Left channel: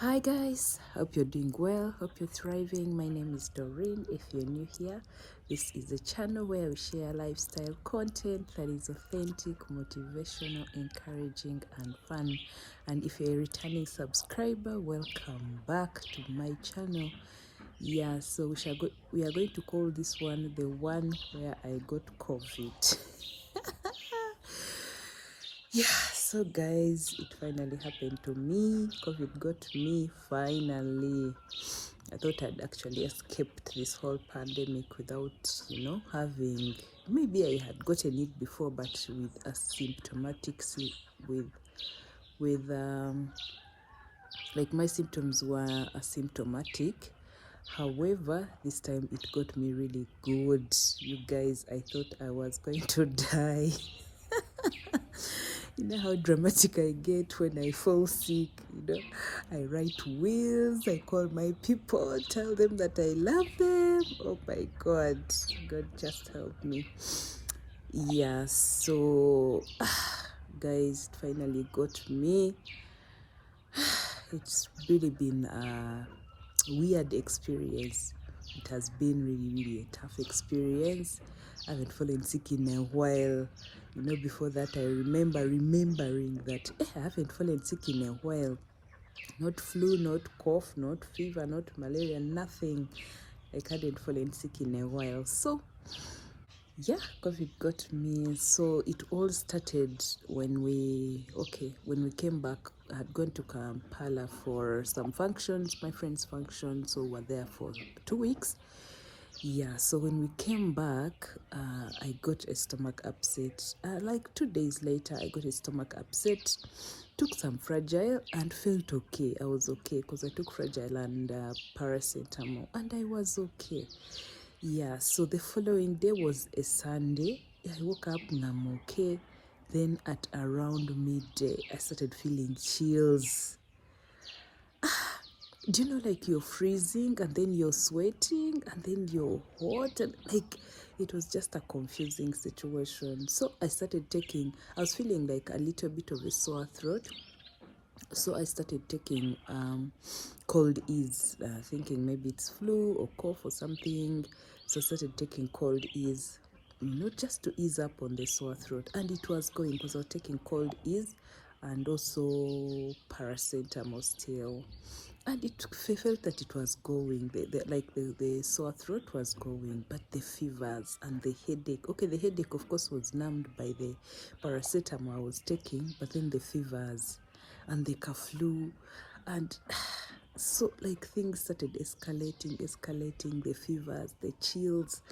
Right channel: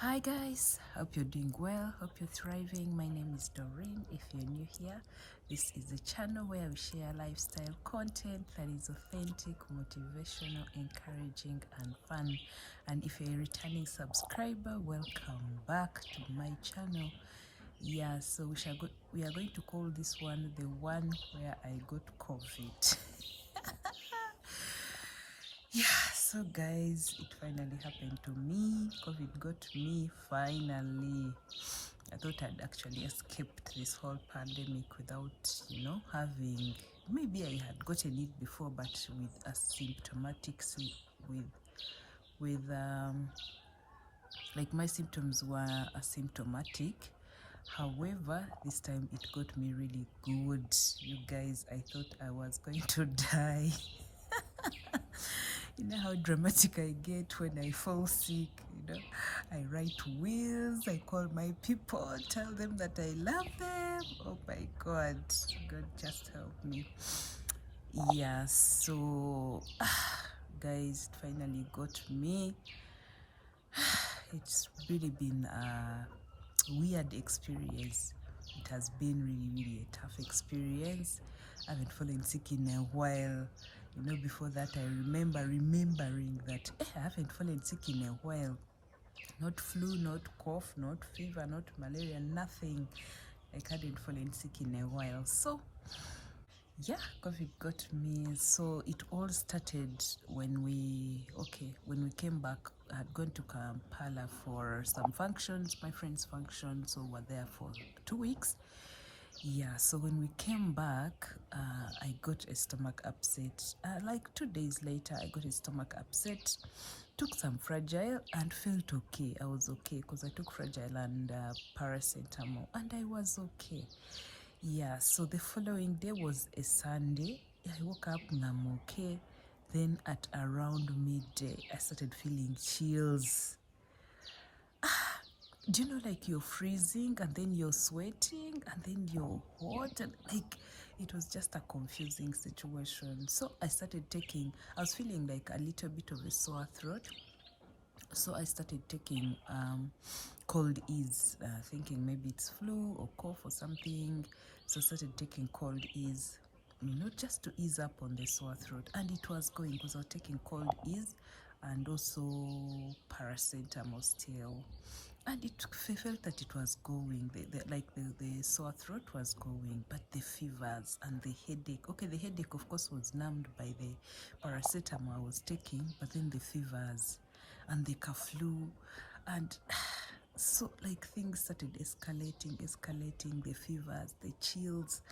Hi guys, hope you're doing well, hope you're thriving. My name is Doreen. If you're new here, this is a channel where we share lifestyle content that is authentic, motivational, encouraging, and fun. And if you're a returning subscriber, welcome back to my channel. Yeah, so we are going to call this one the one where I got COVID. Yeah, so guys, it finally happened to me. COVID got me finally. I thought I'd actually escaped this whole pandemic without, having, maybe I had gotten it before, but with asymptomatic, with like my symptoms were asymptomatic. However, this time it got me really good. You guys, I thought I was going to die. You know how dramatic I get when I fall sick, I write wills, I call my people, tell them that I love them. Oh my God, God just help me. Yeah, so guys, it finally got me. It's really been a weird experience. It has been really a tough experience. I haven't fallen sick in a while. Before that I remembering that I haven't fallen sick in a while. Not flu, not cough, not fever, not malaria, nothing. I hadn't fallen sick in a while. So yeah, COVID got me. So it all started when we came back. I had gone to Kampala for some functions, my friend's function, so we're there for 2 weeks. Yeah, so when we came back, I got a stomach upset. Like 2 days later, I got a stomach upset. Took some Fragile and felt okay. I was okay because I took Fragile and paracetamol, and I was okay. Yeah, so the following day was a Sunday. I woke up and I'm okay. Then at around midday, I started feeling chills. Do you know, like you're freezing and then you're sweating and then you're hot, and like it was just a confusing situation. So I was feeling like a little bit of a sore throat. So I started taking cold ease, thinking maybe it's flu or cough or something. So I started taking cold ease, just to ease up on the sore throat. And it was going because I was taking cold ease and also paracetamol still. And I felt that it was going, the sore throat was going, but the fevers and the headache. Okay, the headache, of course, was numbed by the paracetamol I was taking, but then the fevers and the flu, and so like things started escalating, the fevers, the chills.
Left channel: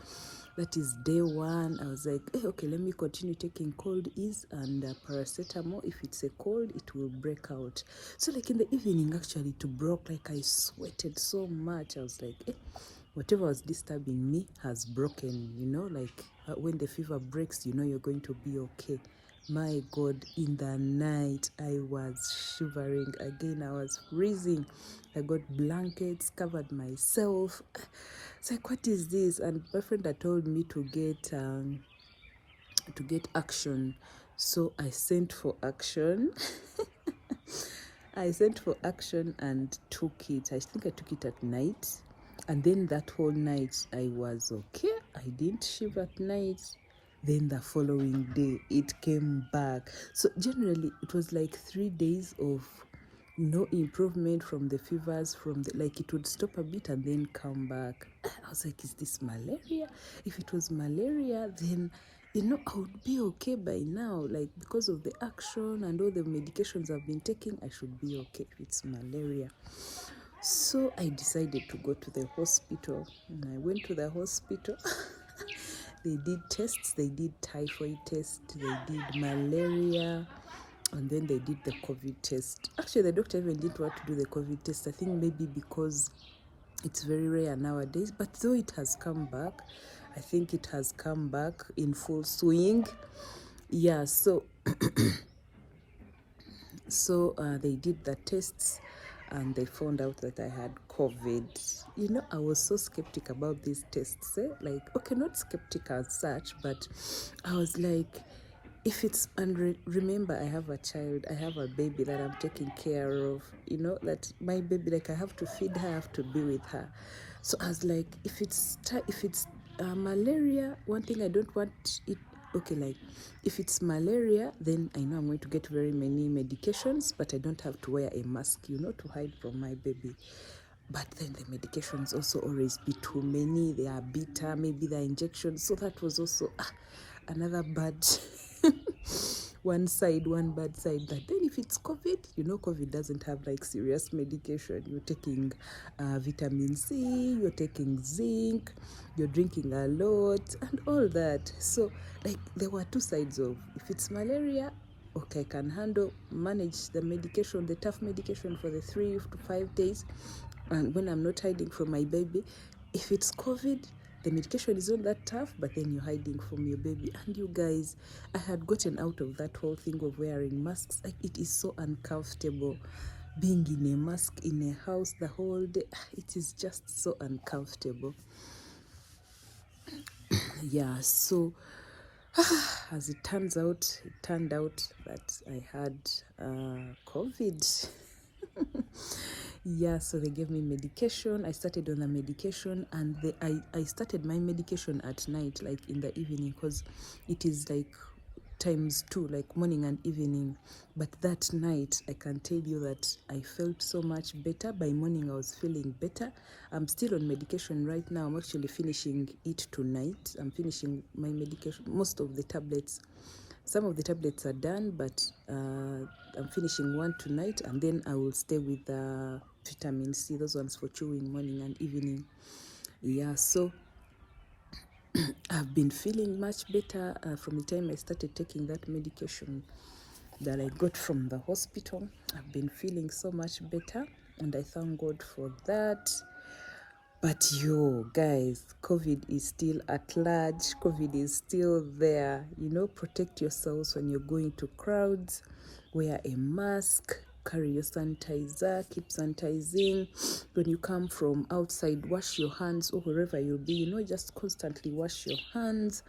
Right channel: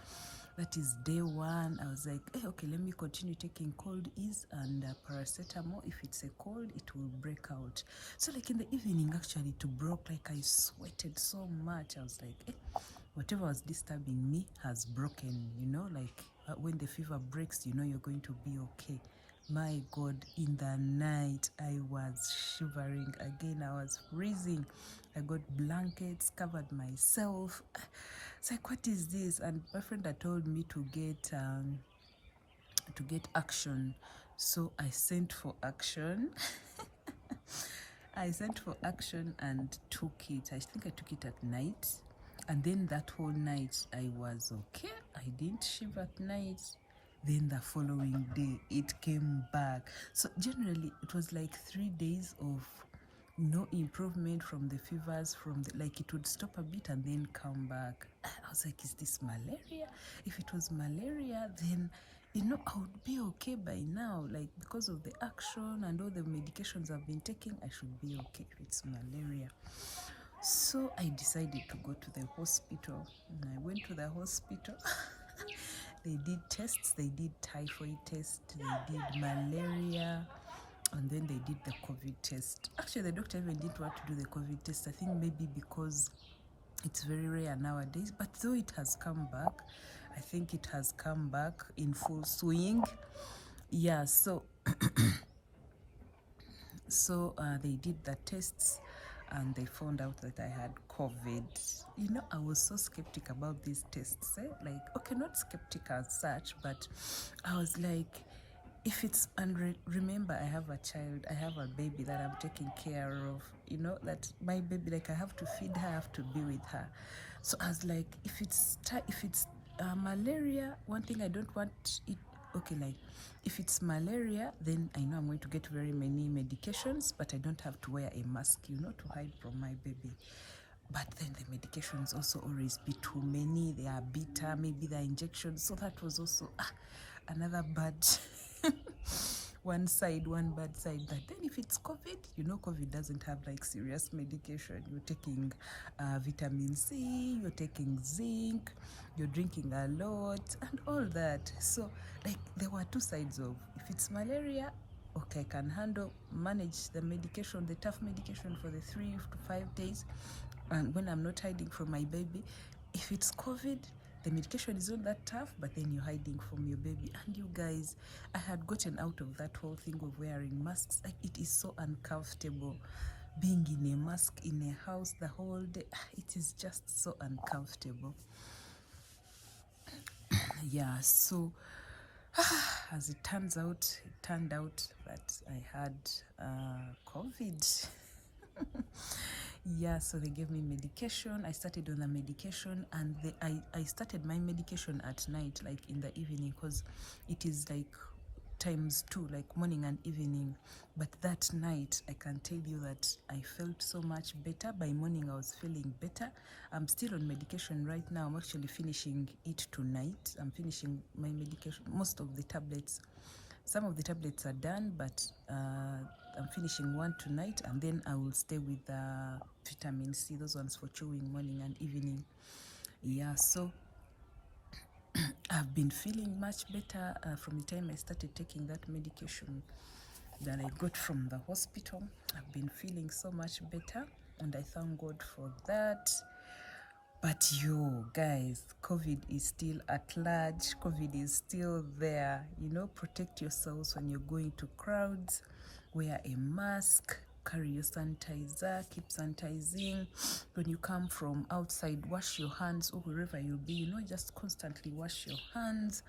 That is day one. I was like, hey, okay, let me continue taking cold ease and paracetamol. If it's a cold, it will break out. So like in the evening, actually, it broke. Like I sweated so much. I was like, hey, whatever was disturbing me has broken, like when the fever breaks, you're going to be okay. My God, in the night, I was shivering again. I was freezing. I got blankets, covered myself. It's like, what is this? And my friend had told me to get action. So I sent for action. I sent for action and took it. I think I took it at night. And then that whole night I was okay. I didn't shiver at night. Then the following day it came back. So generally it was like 3 days of no improvement from the fevers, like it would stop a bit and then come back. I was like, is this malaria? If it was malaria, then I would be okay by now. Like, because of the action and all the medications I've been taking, I should be okay if it's malaria. So I decided to go to the hospital. And I went to the hospital. They did tests. They did typhoid test. They did malaria. And then they did the COVID test. Actually, the doctor even didn't want to do the COVID test. I think maybe because it's very rare nowadays. But though it has come back, I think it has come back in full swing. Yeah, so they did the tests and they found out that I had COVID. I was so skeptic about these tests. Like, okay, not skeptic as such, but I was like, if it's, and remember, I have a child, I have a baby that I'm taking care of, you know, that my baby, like I have to feed her, I have to be with her. So I was like, if it's malaria, one thing I don't want it, okay, like if it's malaria, then I know I'm going to get very many medications, but I don't have to wear a mask, you know, to hide from my baby. But then the medications also always be too many. They are bitter, maybe the injections. So that was also another bad one bad side. That then if it's COVID, you know, COVID doesn't have like serious medication. You're taking vitamin C, you're taking zinc, you're drinking a lot, and all that. So like there were two sides of, if it's malaria, okay, I can manage the medication, the tough medication for the 3 to 5 days, and when I'm not hiding from my baby. If it's COVID, the medication is not that tough, but then you're hiding from your baby. And you guys, I had gotten out of that whole thing of wearing masks. Like, it is so uncomfortable being in a mask in a house the whole day. It is just so uncomfortable. Yeah, so as it turned out that I had COVID. Yeah, so they gave me medication. I started on the medication, and I started my medication at night, like in the evening, because it is like ×2, like morning and evening. But that night, I can tell you that I felt so much better. By morning, I was feeling better. I'm still on medication right now. I'm actually finishing it tonight. I'm finishing my medication, most of the tablets. Some of the tablets are done, but I'm finishing one tonight, and then I will stay with the vitamin C, those ones for chewing morning and evening. Yeah, so I've been feeling much better from the time I started taking that medication that I got from the hospital. I've been feeling so much better, and I thank God for that. But guys, COVID is still at large. COVID is still there. You know, protect yourselves when you're going to crowds. Wear a mask. Carry your sanitizer. Keep sanitizing. When you come from outside, wash your hands, or wherever you'll be. You know, just constantly wash your hands.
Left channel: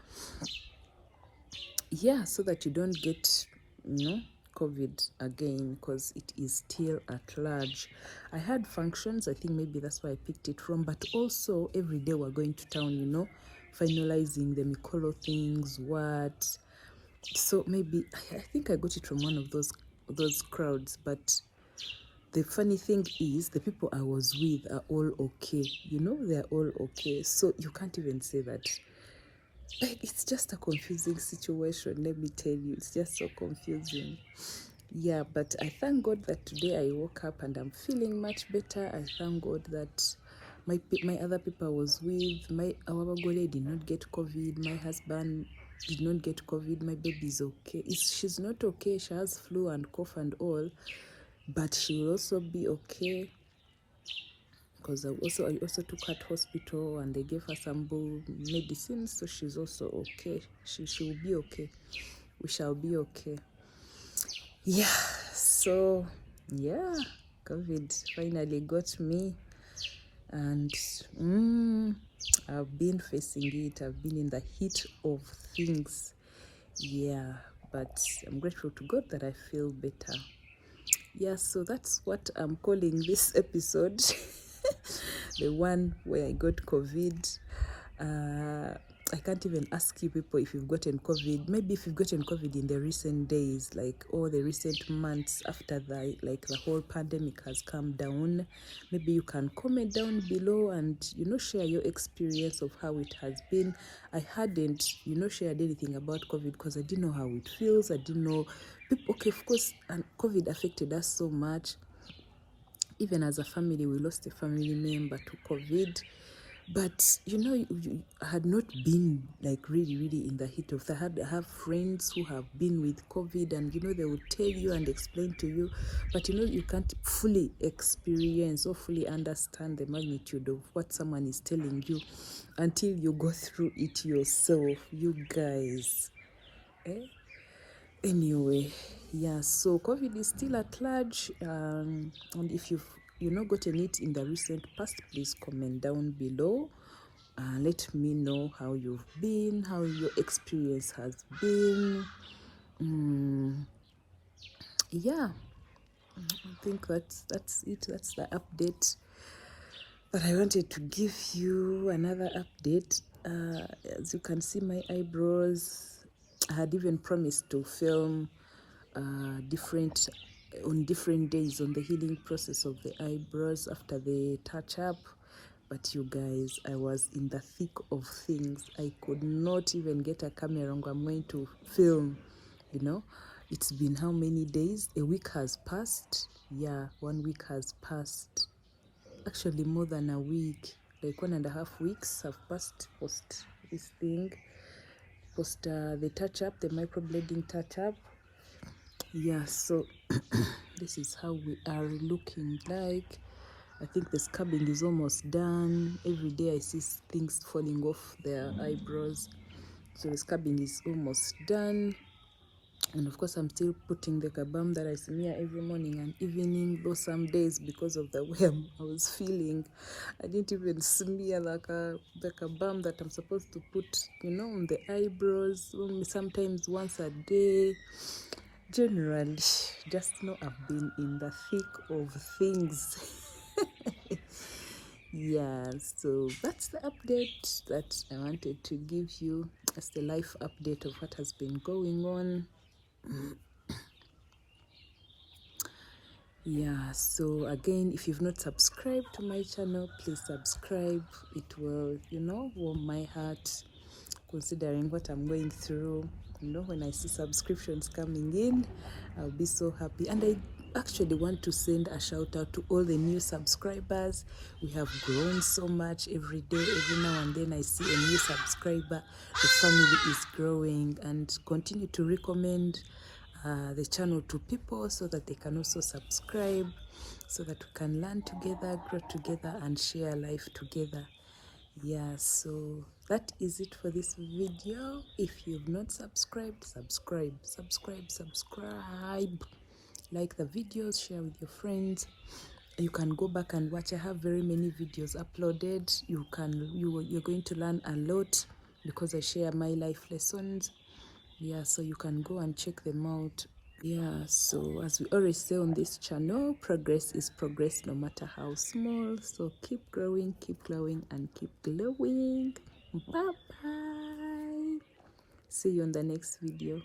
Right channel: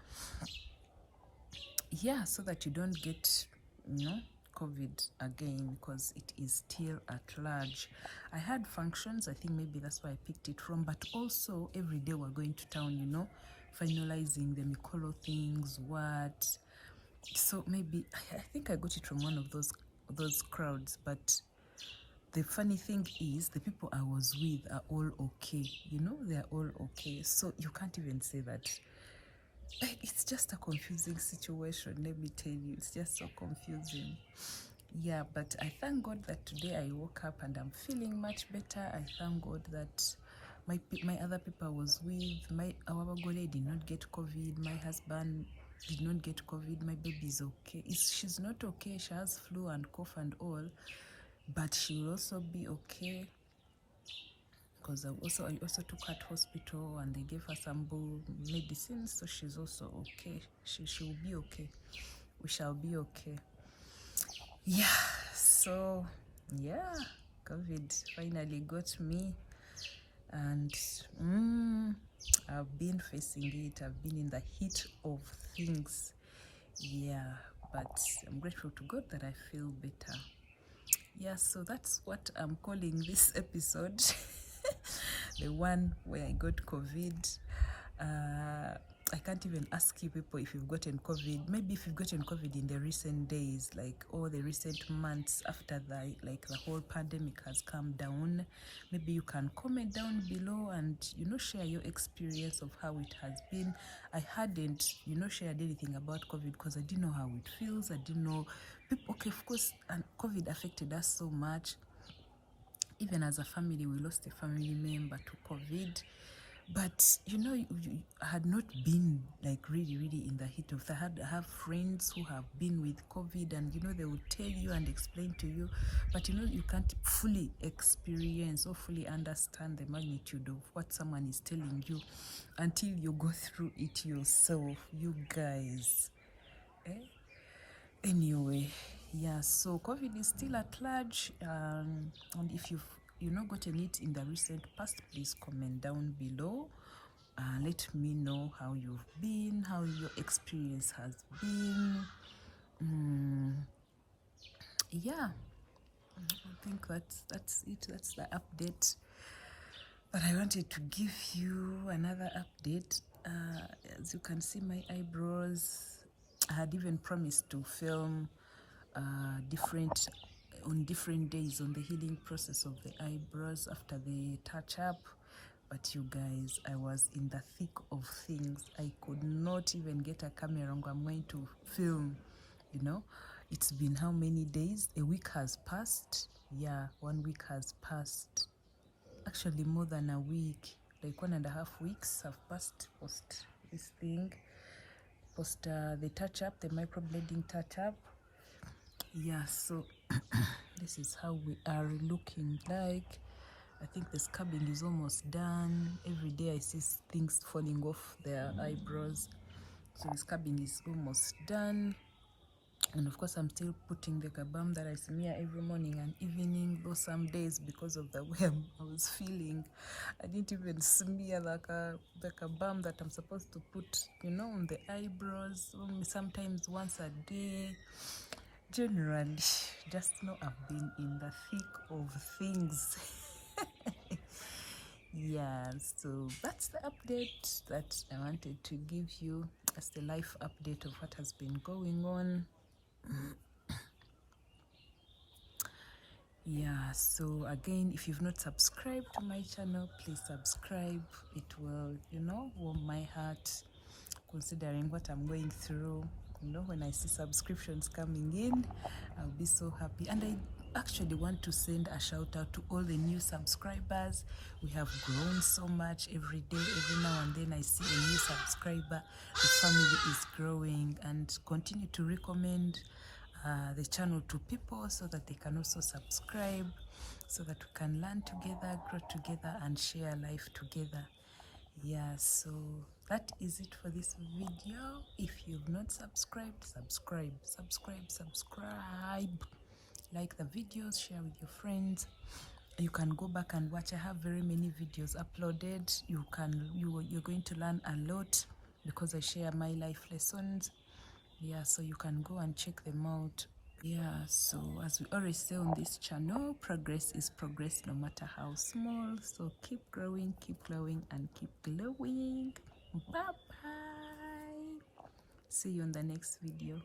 Yeah, so that you don't get, you know, COVID again, because it is still at large. I had functions, I think maybe that's where I picked it from, but also every day we're going to town, you know, finalizing the Mikolo things, what. So maybe, I think I got it from one of those crowds, but the funny thing is the people I was with are all okay, you know, they're all okay. So you can't even say that. It's just a confusing situation, let me tell you. It's just so confusing. Yeah, but I thank God that today I woke up and I'm feeling much better. I thank God that my other people I was with, our Bagole did not get COVID. My husband did not get COVID. My baby is okay. She's not okay. She has flu and cough and all, but she will also be okay. Because I also took her to hospital, and they gave her some medicines, so she's also okay. She will be okay. We shall be okay. Yeah, so yeah, COVID finally got me, and I've been facing it. I've been in the heat of things. Yeah, but I'm grateful to God that I feel better. Yeah, so that's what I'm calling this episode. The one where I got COVID. I can't even ask you people if you've gotten COVID. Maybe if you've gotten COVID in the recent days, like all the recent months after the whole pandemic has come down, maybe you can comment down below and, you know, share your experience of how it has been. I hadn't, you know, shared anything about COVID because I didn't know how it feels. I didn't know people. Okay, of course, and COVID affected us so much. Even as a family, we lost a family member to COVID. But, you know, I had not been like really in the heat of that. I have friends who have been with COVID, and, you know, they will tell you and explain to you. But, you know, you can't fully experience or fully understand the magnitude of what someone is telling you until you go through it yourself, you guys. Anyway, yeah, so COVID is still at large, and if you've gotten it in the recent past, please comment down below. Let me know how you've been, how your experience has been. Yeah, I think that's it. That's the update. But I wanted to give you another update. As you can see, my eyebrows, I had even promised to film different on different days on the healing process of the eyebrows after the touch up. But you guys, I was in the thick of things. I could not even get a camera. I'm going to film, you know. It's been how many days? A week has passed. Yeah, 1 week has passed. Actually, more than a week. Like 1.5 weeks have passed post this thing. Post the touch up, the microblading touch up. Yeah, so this is how we are looking like. I think the scabbing is almost done. Every day I see things falling off their eyebrows. So the scabbing is almost done. And of course, I'm still putting the balm that I smear every morning and evening, though some days, because of the way I was feeling, I didn't even smear the balm that I'm supposed to put, you know, on the eyebrows, only sometimes once a day. Generally, just know I've been in the thick of things. Yeah, so that's the update that I wanted to give you. That's the life update of what has been going on. Yeah, so again, if you've not subscribed to my channel, please subscribe. It will, you know, warm my heart considering what I'm going through. You know, when I see subscriptions coming in, I'll be so happy. And I actually want to send a shout out to all the new subscribers. We have grown so much every day. Every now and then I see a new subscriber. The family is growing, and continue to recommend the channel to people so that they can also subscribe, so that we can learn together, grow together, and share life together. Yeah, so that is it for this video. If you've not subscribed, subscribe. Like the videos, share with your friends. You can go back and watch. I have very many videos uploaded. You're going to learn a lot because I share my life lessons. Yeah, so you can go and check them out. Yeah, so as we always say on this channel, progress is progress no matter how small. So keep growing, and keep glowing. Bye bye. See you on the next video.